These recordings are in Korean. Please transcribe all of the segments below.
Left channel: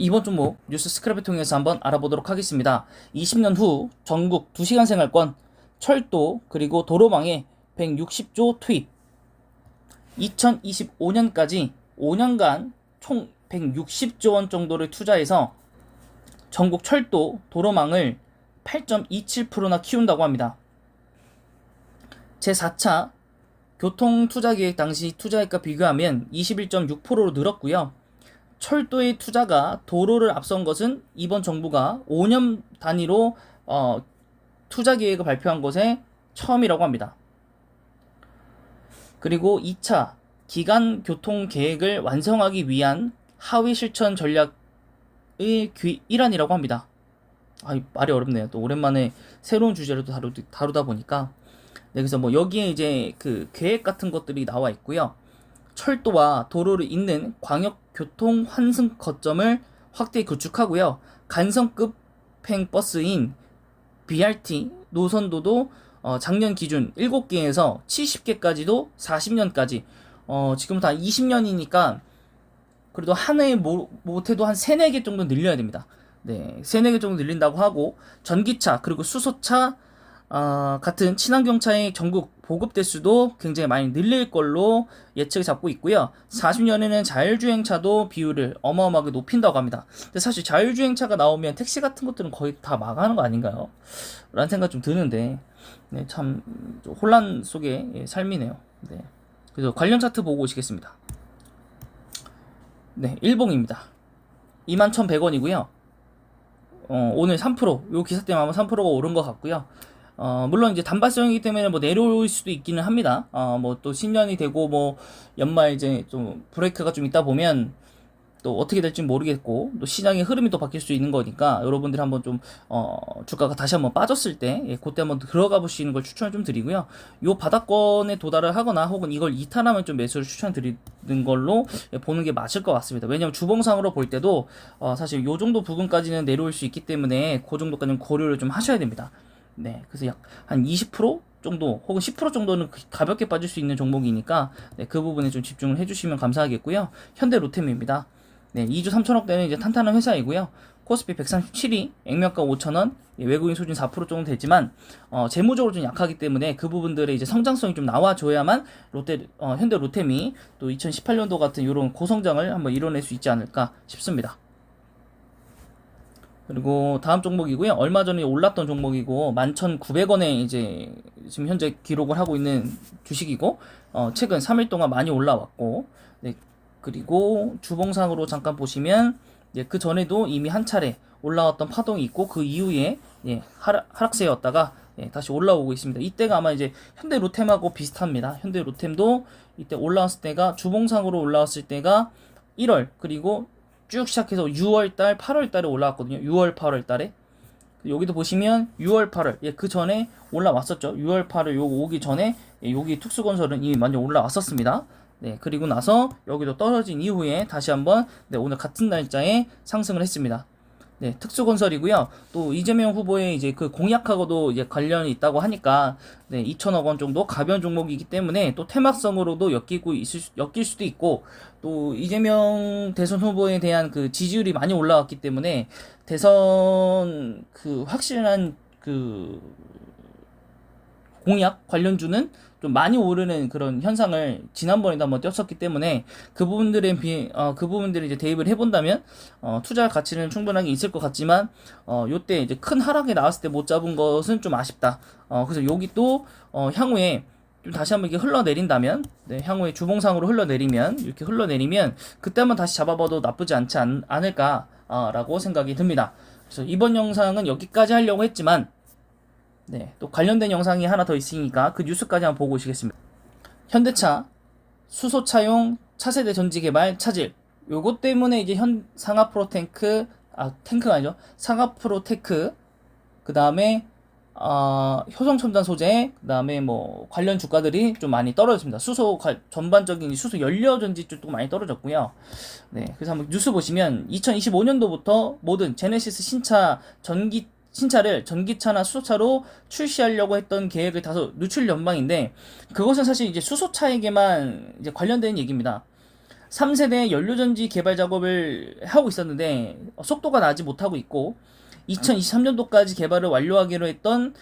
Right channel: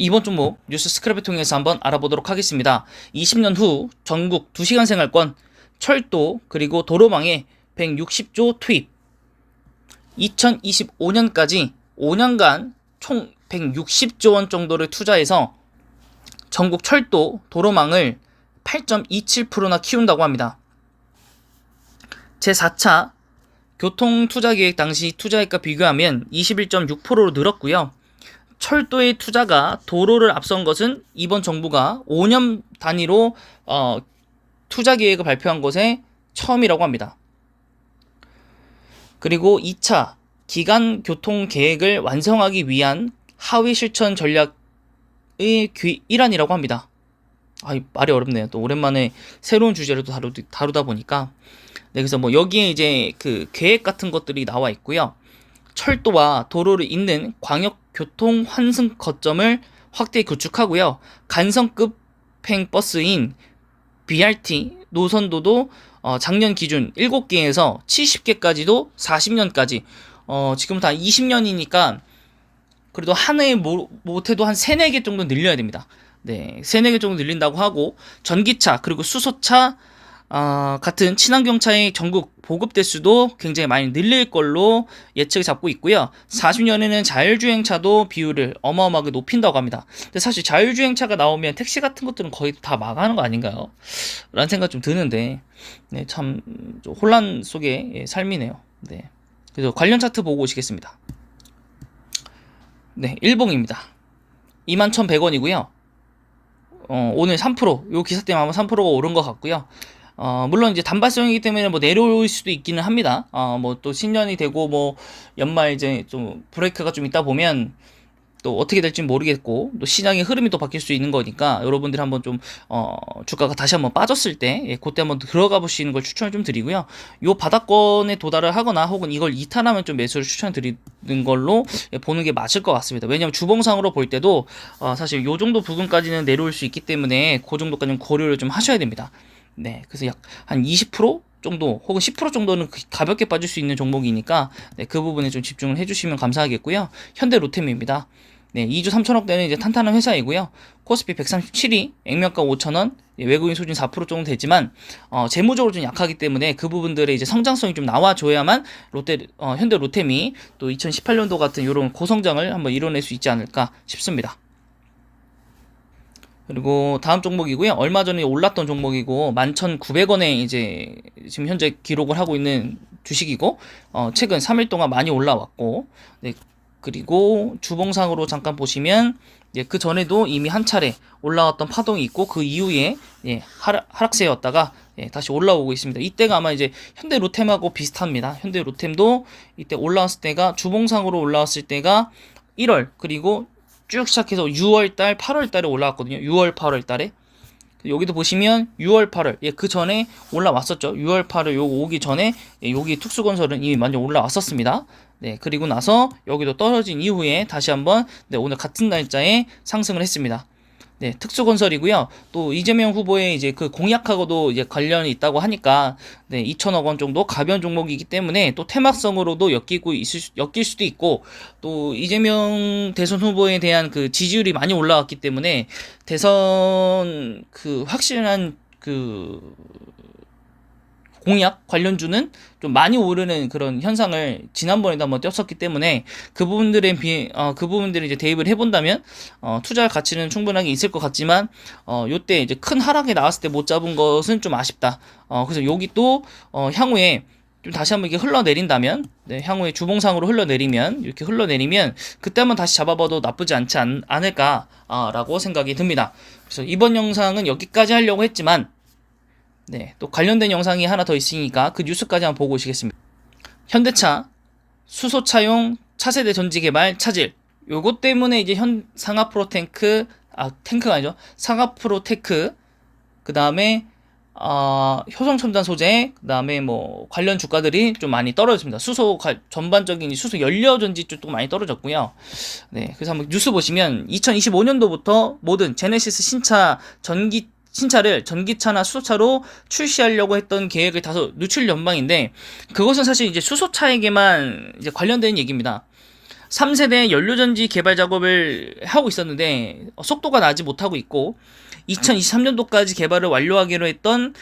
이번 종목 뉴스 스크랩을 통해서 한번 알아보도록 하겠습니다. 20년 후 전국 2시간 생활권, 철도 그리고 도로망에 160조 투입. 2025년까지 5년간 총 160조 원 정도를 투자해서 전국 철도, 도로망을 8.27%나 키운다고 합니다. 제4차 교통투자계획 당시 투자액과 비교하면 21.6%로 늘었고요. 철도의 투자가 도로를 앞선 것은 이번 정부가 5년 단위로 투자 계획을 발표한 것에 처음이라고 합니다. 그리고 2차 기간 교통 계획을 완성하기 위한 하위 실천 전략의 일환이라고 합니다. 말이 어렵네요. 또 오랜만에 새로운 주제를 또 다루다 보니까. 네, 그래서 뭐 여기에 이제 그 계획 같은 것들이 나와 있고요. 철도와 도로를 잇는 광역 교통 환승 거점을 확대 구축하고요. 간선급행 버스인 BRT 노선도도 작년 기준 7개에서 70개까지도 40년까지 지금 다 20년이니까 그래도 한 해에 못해도 한 3, 4개 정도 늘려야 됩니다. 네, 3, 4개 정도 늘린다고 하고 전기차 그리고 수소차 같은 친환경차의 전국 보급 대수도 굉장히 많이 늘릴 걸로 예측을 잡고 있고요. 40년에는 자율주행차도 비율을 어마어마하게 높인다고 합니다. 근데 사실 자율주행차가 나오면 택시 같은 것들은 거의 다 망하는 거 아닌가요? 라는 생각 좀 드는데, 네, 참 혼란 속의 삶이네요. 네. 그래서 관련 차트 보고 오시겠습니다. 네, 일봉입니다. 21,100원이고요. 오늘 3%, 요 기사 때문에 아마 3%가 오른 것 같고요. 물론 이제 단발성이기 때문에 뭐 내려올 수도 있기는 합니다. 뭐 또 신년이 되고 뭐 연말 이제 좀 브레이크가 좀 있다 보면 또 어떻게 될지 모르겠고 또 시장의 흐름이 또 바뀔 수 있는 거니까 여러분들이 한번 좀 주가가 다시 한번 빠졌을 때 그때 한번 들어가 보시는 걸 추천을 좀 드리고요. 요 바닥권에 도달을 하거나 혹은 이걸 이탈하면 좀 매수를 추천드리는 걸로 보는 게 맞을 것 같습니다. 왜냐면 주봉상으로 볼 때도 사실 요 정도 부분까지는 내려올 수 있기 때문에 그 정도까지는 고려를 좀 하셔야 됩니다. 네, 그래서 약 한 20% 정도 혹은 10% 정도는 가볍게 빠질 수 있는 종목이니까 네, 그 부분에 좀 집중을 해주시면 감사하겠고요. 현대 로템입니다. 네, 2주 3천억대는 이제 탄탄한 회사이고요. 코스피 137위, 액면가 5천원, 외국인 소진 4% 정도 되지만 재무적으로 좀 약하기 때문에 그 부분들의 이제 성장성이 좀 나와줘야만 현대 로템이 또 2018년도 같은 이런 고성장을 한번 이뤄낼 수 있지 않을까 싶습니다. 그리고 다음 종목이고요. 얼마 전에 올랐던 종목이고 11,900원에 이제 지금 현재 기록을 하고 있는 주식이고 최근 3일 동안 많이 올라왔고 네, 그리고 주봉상으로 잠깐 보시면 그 전에도 이미 한 차례 올라왔던 파동이 있고 그 이후에 하락세였다가 다시 올라오고 있습니다. 이때가 아마 이제 현대 로템하고 비슷합니다. 현대 로템도 이때 올라왔을 때가 주봉상으로 올라왔을 때가 1월 그리고 쭉 시작해서 6월달, 8월달에 올라왔거든요. 6월, 8월달에 여기도 보시면 6월, 8월 그 전에 올라왔었죠. 6월, 8월 요거 오기 전에 여기 특수건설은 이미 많이 올라왔었습니다. 네, 그리고 나서 여기도 떨어진 이후에 다시 한번 오늘 같은 날짜에 상승을 했습니다. 네, 특수건설이고요. 또 이재명 후보의 이제 그 공약하고도 이제 관련이 있다고 하니까 2천억 원 정도 가벼운 종목이기 때문에 또 테마성으로도 엮일 수도 있고 또 이재명 대선 후보에 대한 그 지지율이 많이 올라왔기 때문에 대선 그 확실한 그 공약 관련주는 좀 많이 오르는 그런 현상을 지난번에도 한번 띄었었기 때문에 그 부분들을 이제 대입을 해본다면 투자할 가치는 충분하게 있을 것 같지만 요때 이제 큰 하락이 나왔을 때 못 잡은 것은 좀 아쉽다. 그래서 여기 또 향후에 좀 다시 한번 이게 흘러내린다면 향후에 주봉상으로 이렇게 흘러내리면 그때 한번 다시 잡아봐도 나쁘지 않지 않을까라고 생각이 듭니다. 그래서 이번 영상은 여기까지 하려고 했지만 또 관련된 영상이 하나 더 있으니까 그 뉴스까지 한번 보고 오시겠습니다. 현대차 수소차용 차세대 전지 개발 차질. 요것 때문에 이제 상하프로테크 탱크가 아니죠. 상하프로테크 그 다음에 효성첨단 소재 그 다음에 뭐 관련 주가들이 좀 많이 떨어졌습니다. 전반적인 수소 연료 전지 쪽도 많이 떨어졌고요. 네, 그래서 한번 뉴스 보시면 2025년도부터 모든 제네시스 신차를 전기차나 수소차로 출시하려고 했던 계획을 다소 늦출 전망인데 그것은 사실 이제 수소차에게만 이제 관련된 얘기입니다. 3세대 연료전지 개발 작업을 하고 있었는데 속도가 나지 못하고 있고 2023년도까지 개발을 완료하기로 했던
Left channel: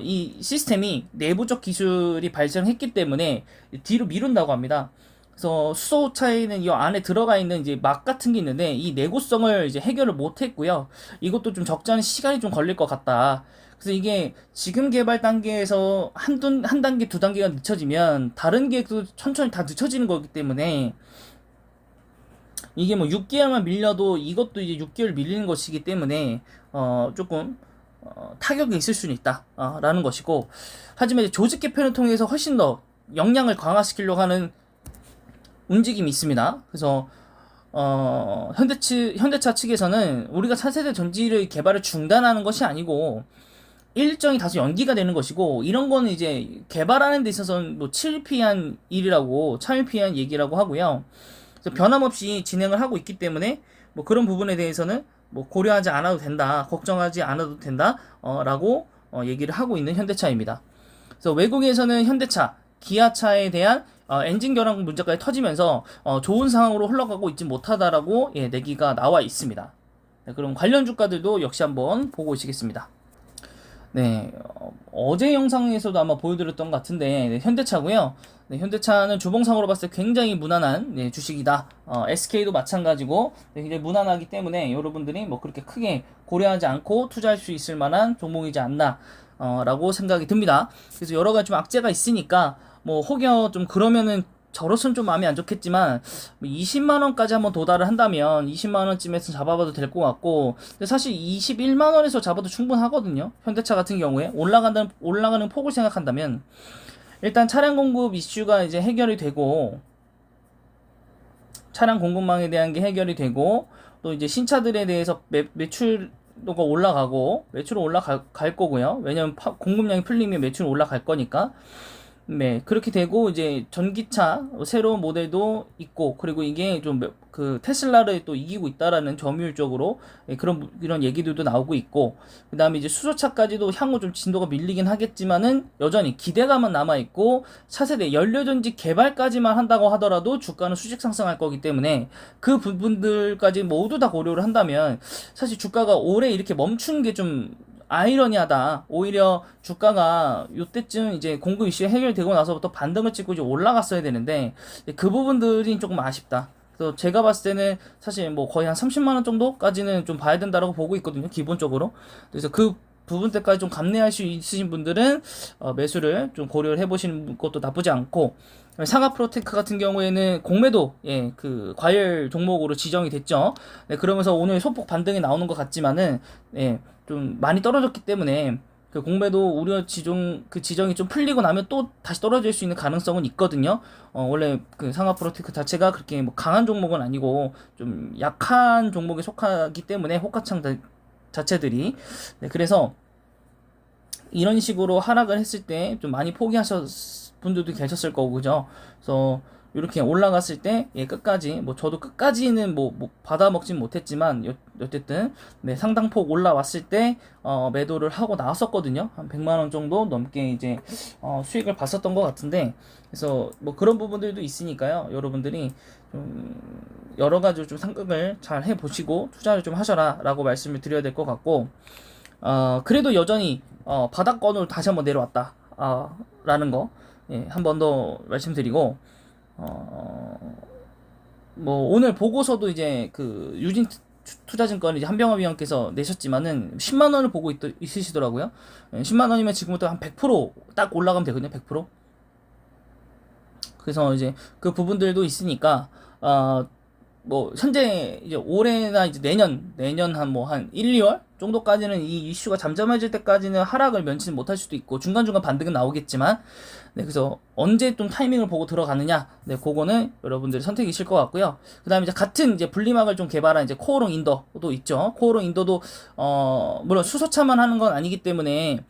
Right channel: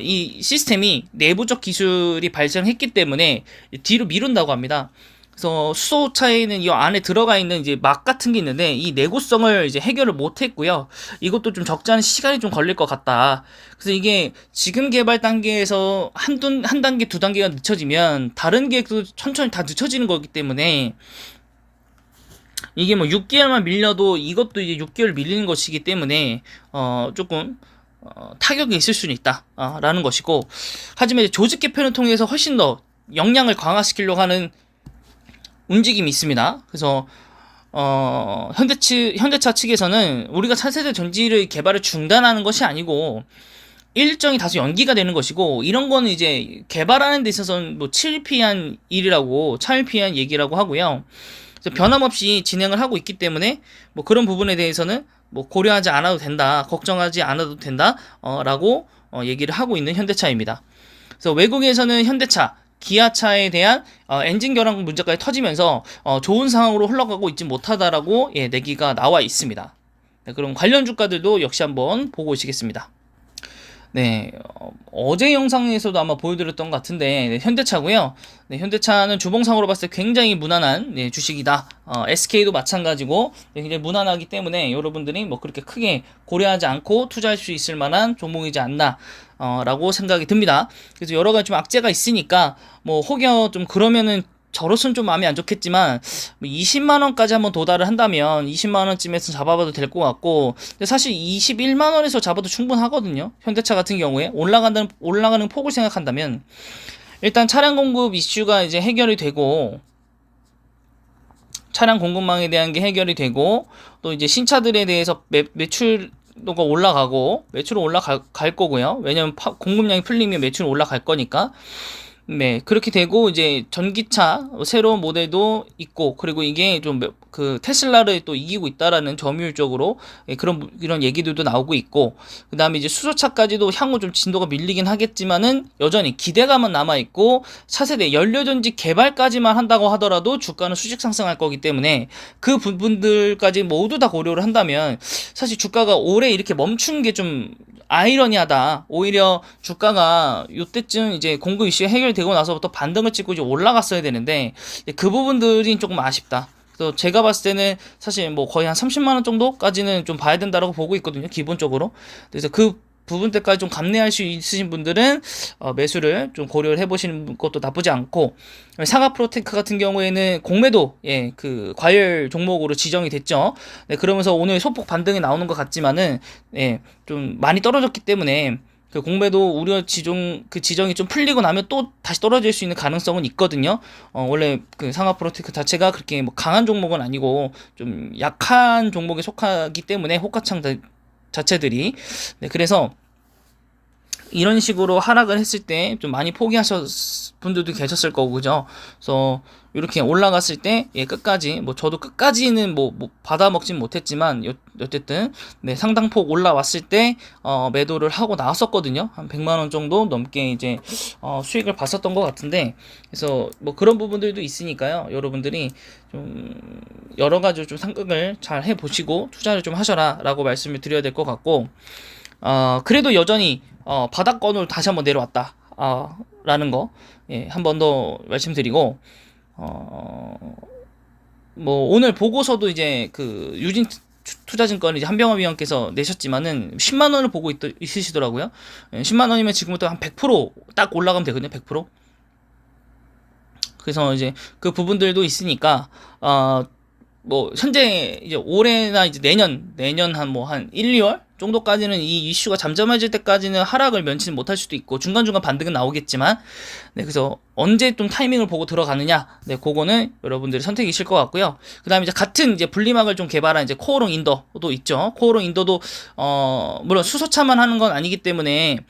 이 시스템이 내부적 기술이 발생했기 때문에 뒤로 미룬다고 합니다. 그래서 수소차에는 이 안에 들어가 있는 이제 막 같은 게 있는데 이 내구성을 이제 해결을 못 했고요. 이것도 좀 적잖은 시간이 좀 걸릴 것 같다. 그래서 이게 지금 개발 단계에서 한 단계, 두 단계가 늦춰지면 다른 계획도 천천히 다 늦춰지는 거기 때문에 이게 뭐 6개월만 밀려도 이것도 이제 6개월 밀리는 것이기 때문에 조금 타격이 있을 수는 있다 라는 것이고, 하지만 이제 조직 개편을 통해서 훨씬 더 역량을 강화시키려고 하는 움직임이 있습니다. 그래서 현대차 측에서는 우리가 차세대 전지를 개발을 중단하는 것이 아니고 일정이 다소 연기가 되는 것이고, 이런 거는 이제 개발하는 데 있어서는 뭐 차일피한 일이라고, 차일피한 얘기라고 하고요. 그래서 변함없이 진행을 하고 있기 때문에 뭐 그런 부분에 대해서는 뭐 고려하지 않아도 된다, 걱정하지 않아도 된다 라고 얘기를 하고 있는 현대차입니다. 그래서 외국에서는 현대차, 기아차에 대한 엔진 결함 문제까지 터지면서 좋은 상황으로 흘러가고 있지 못하다라고 내기가 나와 있습니다. 네, 그럼 관련 주가들도 역시 한번 보고 오시겠습니다. 네, 어제 영상에서도 아마 보여드렸던 것 같은데, 네, 현대차고요. 네, 현대차는 주봉상으로 봤을 때 굉장히 무난한 주식이다. SK도 마찬가지고 굉장히 무난하기 때문에 여러분들이 뭐 그렇게 크게 고려하지 않고 투자할 수 있을 만한 종목이지 않나 라고 생각이 듭니다. 그래서 여러 가지 좀 악재가 있으니까 뭐 혹여 좀 그러면은 저로서는 좀 마음이 안 좋겠지만 20만 원까지 한번 도달을 한다면 20만 원쯤에서 잡아봐도 될 것 같고, 근데 사실 21만 원에서 잡아도 충분하거든요. 현대차 같은 경우에 올라가는 폭을 생각한다면 일단 차량 공급 이슈가 이제 해결이 되고, 차량 공급망에 대한 게 해결이 되고, 또 이제 신차들에 대해서 매출도가 올라가고, 매출은 올라갈 거고요. 왜냐면 공급량이 풀리면 매출은 올라갈 거니까. 네, 그렇게 되고 이제 전기차 새로운 모델도 있고, 그리고 이게 좀 그 테슬라를 또 이기고 있다라는 점유율적으로 이런 얘기들도 나오고 있고, 그다음에 이제 수소차까지도 향후 좀 진도가 밀리긴 하겠지만은 여전히 기대감은 남아 있고, 차세대 연료전지 개발까지만 한다고 하더라도 주가는 수직 상승할 거기 때문에 그 부분들까지 모두 다 고려를 한다면 사실 주가가 올해 이렇게 멈춘 게 좀 아이러니하다. 오히려 주가가 이때쯤 이제 공급 이슈가 해결되고 나서부터 반등을 찍고 이제 올라갔어야 되는데 그 부분들이 조금 아쉽다. 그래서 제가 봤을 때는 사실 뭐 거의 한 30만 원 정도까지는 좀 봐야 된다라고 보고 있거든요, 기본적으로. 그래서 그 부분 때까지 좀 감내할 수 있으신 분들은 매수를 좀 고려를 해보시는 것도 나쁘지 않고, 상하 프로테크 같은 경우에는 공매도 그 과열 종목으로 지정이 됐죠. 네, 그러면서 오늘 소폭 반등이 나오는 것 같지만은 좀 많이 떨어졌기 때문에 그 공매도 우려 지정이 좀 풀리고 나면 또 다시 떨어질 수 있는 가능성은 있거든요. 원래 그 상하 프로테크 자체가 그렇게 뭐 강한 종목은 아니고 좀 약한 종목에 속하기 때문에 호가창 자체들이. 네, 그래서 이런 식으로 하락을 했을 때 좀 많이 포기하셨 분들도 계셨을 거고, 그죠? 그래서 이렇게 올라갔을 때 끝까지 뭐 저도 끝까지는 뭐 받아먹진 못했지만 어쨌든 네, 상당폭 올라왔을 때 매도를 하고 나왔었거든요. 한 100만 원 정도 넘게 이제 수익을 봤었던 것 같은데, 그래서 뭐 그런 부분들도 있으니까요. 여러분들이 좀 여러 가지로 좀 생각을 잘 해보시고 투자를 좀 하셔라라고 말씀을 드려야 될 것 같고, 그래도 여전히 바닥권으로 다시 한번 내려왔다 라는 거 한 번 더 말씀드리고, 뭐 오늘 보고서도 이제 그 유진 투자증권 이제 한병화 위원께서 내셨지만은 10만 원을 보고 있으시더라고요. 10만 원이면 지금부터 한 100% 올라가면 되거든요. 100%. 그래서 이제 그 부분들도 있으니까 뭐 현재 이제 올해나 이제 내년 한 1, 2월 정도까지는 이 이슈가 잠잠해질 때까지는 하락을 면치 못할 수도 있고 중간중간 반등은 나오겠지만, 네, 그래서 언제 좀 타이밍을 보고 들어가느냐, 네, 그거는 여러분들의 선택이실 것 같고요. 그다음에 이제 같은 이제 분리막을 좀 개발한 이제 코오롱 인더도 있죠. 코오롱 인더도 물론 수소차만 하는 건 아니기 때문에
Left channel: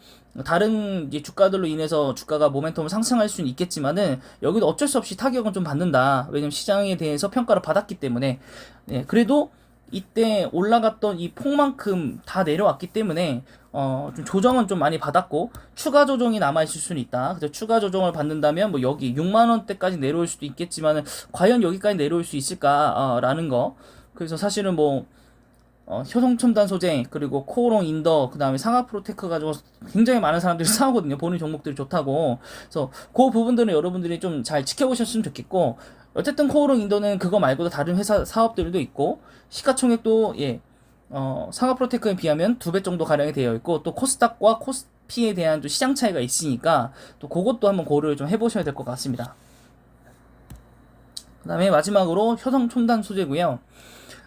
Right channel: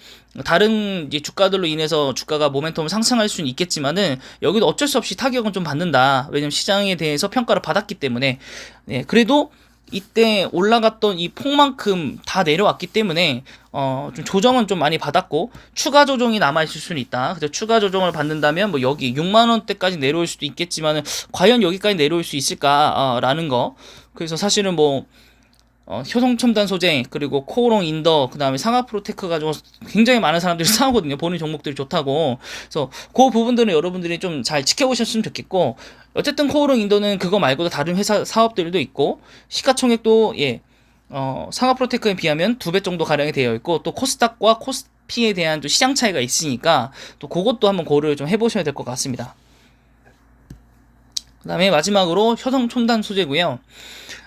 다른 이제 주가들로 인해서 주가가 모멘텀을 상승할 수는 있겠지만은 여기도 어쩔 수 없이 타격은 좀 받는다. 왜냐면 시장에 대해서 평가를 받았기 때문에. 네, 그래도 이때 올라갔던 이 폭만큼 다 내려왔기 때문에 좀 조정은 좀 많이 받았고 추가 조정이 남아 있을 수는 있다. 그래서 추가 조정을 받는다면 뭐 여기 6만 원대까지 내려올 수도 있겠지만은 과연 여기까지 내려올 수 있을까라는 거. 그래서 사실은 뭐 효성첨단 소재 그리고 코오롱 인더 그다음에 상하 프로테크 가지고 굉장히 많은 사람들이 사오거든요. 보는 종목들이 좋다고. 그래서 그 부분들은 여러분들이 좀 잘 지켜보셨으면 좋겠고 어쨌든 코오롱 인더는 그거 말고도 다른 회사 사업들도 있고 시가총액도 상하 프로테크에 비하면 2배 정도 가량이 되어 있고 또 코스닥과 코스피에 대한 또 시장 차이가 있으니까 또 그것도 한번 고려를 좀 해보셔야 될 것 같습니다. 그다음에 마지막으로 효성첨단 소재고요.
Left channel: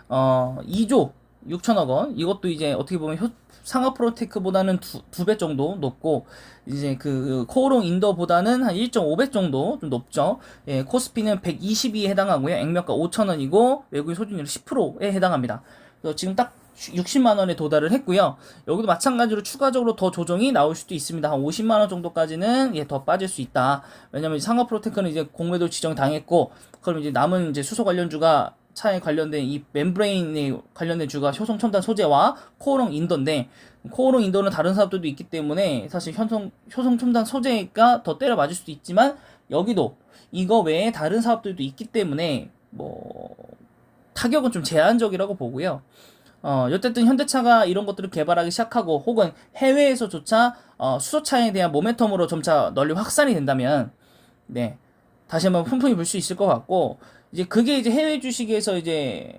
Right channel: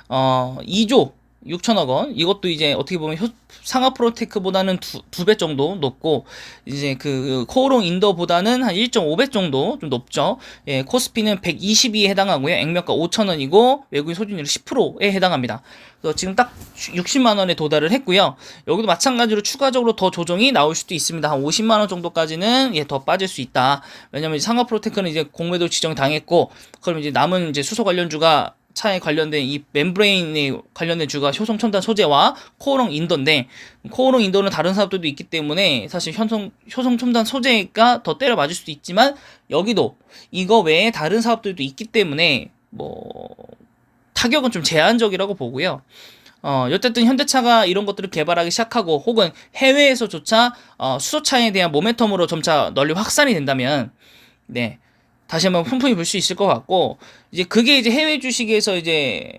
2조 6천억 원. 이것도 이제 어떻게 보면 상하 프로테크보다는 두 배 정도 높고, 이제 그 코오롱 인더보다는 한 1.5배 정도 좀 높죠. 예, 코스피는 120에 해당하고요. 액면가 5천원이고, 외국인 소진율 10%에 해당합니다. 그래서 지금 딱 60만 원에 도달을 했고요. 여기도 마찬가지로 추가적으로 더 조정이 나올 수도 있습니다. 한 50만 원 정도까지는 더 빠질 수 있다. 왜냐면 상하 프로테크는 이제 공매도 지정 당했고, 그럼 이제 남은 이제 수소 관련주가 차에 관련된 이 멤브레인에 관련된 주가 효성첨단 소재와 코오롱 인더인데 코오롱 인더는 다른 사업들도 있기 때문에 사실 효성첨단 소재가 더 때려 맞을 수도 있지만 여기도 이거 외에 다른 사업들도 있기 때문에 뭐 타격은 좀 제한적이라고 보고요. 어쨌든 현대차가 이런 것들을 개발하기 시작하고 혹은 해외에서조차 수소차에 대한 모멘텀으로 점차 널리 확산이 된다면 네. 다시 한번 풍풍이 불 수 있을 것 같고 이제 그게 이제 해외 주식에서 이제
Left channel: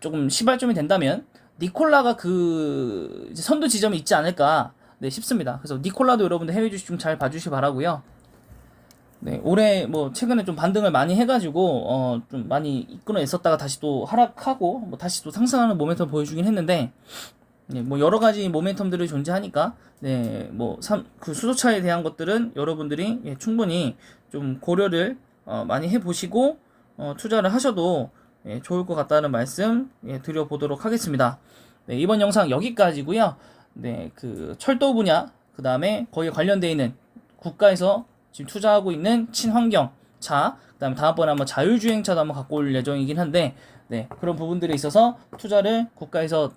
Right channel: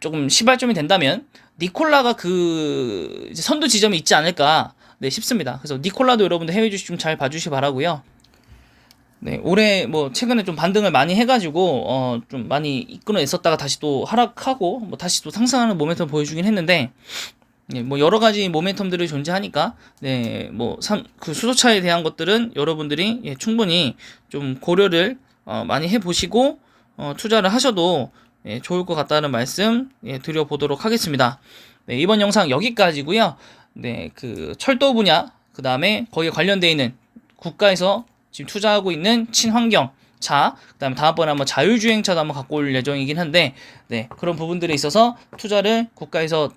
조금 시발점이 된다면 니콜라가 그 이제 선두 지점이 있지 않을까 네 싶습니다. 그래서 니콜라도 여러분들 해외 주식 좀 잘 봐주시 바라고요. 네 올해 뭐 최근에 좀 반등을 많이 해가지고 좀 많이 이끌어냈었다가 다시 또 하락하고 뭐 다시 또 상승하는 모멘텀 보여주긴 했는데 네, 뭐 여러 가지 모멘텀들이 존재하니까 그 수소차에 대한 것들은 여러분들이 충분히 좀 고려를 많이 해보시고 투자를 하셔도 좋을 것 같다는 말씀 드려보도록 하겠습니다. 네, 이번 영상 여기까지고요. 네, 그 철도 분야 그 다음에 거기에 관련되어 있는 국가에서 지금 투자하고 있는 친환경 차, 그다음에 다음번에 한번 자율주행차도 한번 갖고 올 예정이긴 한데, 네, 그런 부분들에 있어서 투자를 국가에서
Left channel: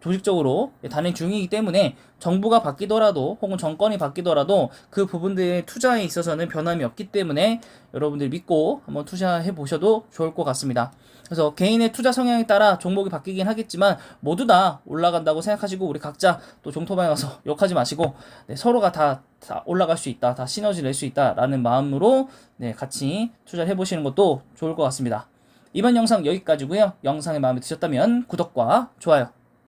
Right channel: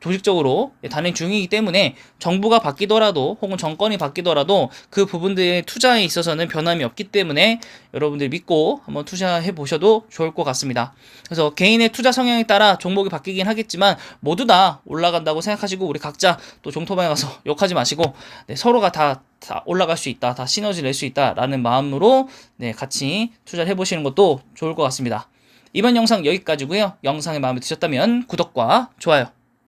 조직적으로 단행 중이기 때문에 정부가 바뀌더라도 혹은 정권이 바뀌더라도 그 부분들의 투자에 있어서는 변함이 없기 때문에 여러분들 믿고 한번 투자해 보셔도 좋을 것 같습니다. 그래서 개인의 투자 성향에 따라 종목이 바뀌긴 하겠지만 모두 다 올라간다고 생각하시고 우리 각자 또 종토방에 가서 욕하지 마시고 네, 서로가 다 올라갈 수 있다, 다 시너지 낼 수 있다라는 마음으로 네, 같이 투자를 해보시는 것도 좋을 것 같습니다. 이번 영상 여기까지고요. 영상이 마음에 드셨다면 구독과 좋아요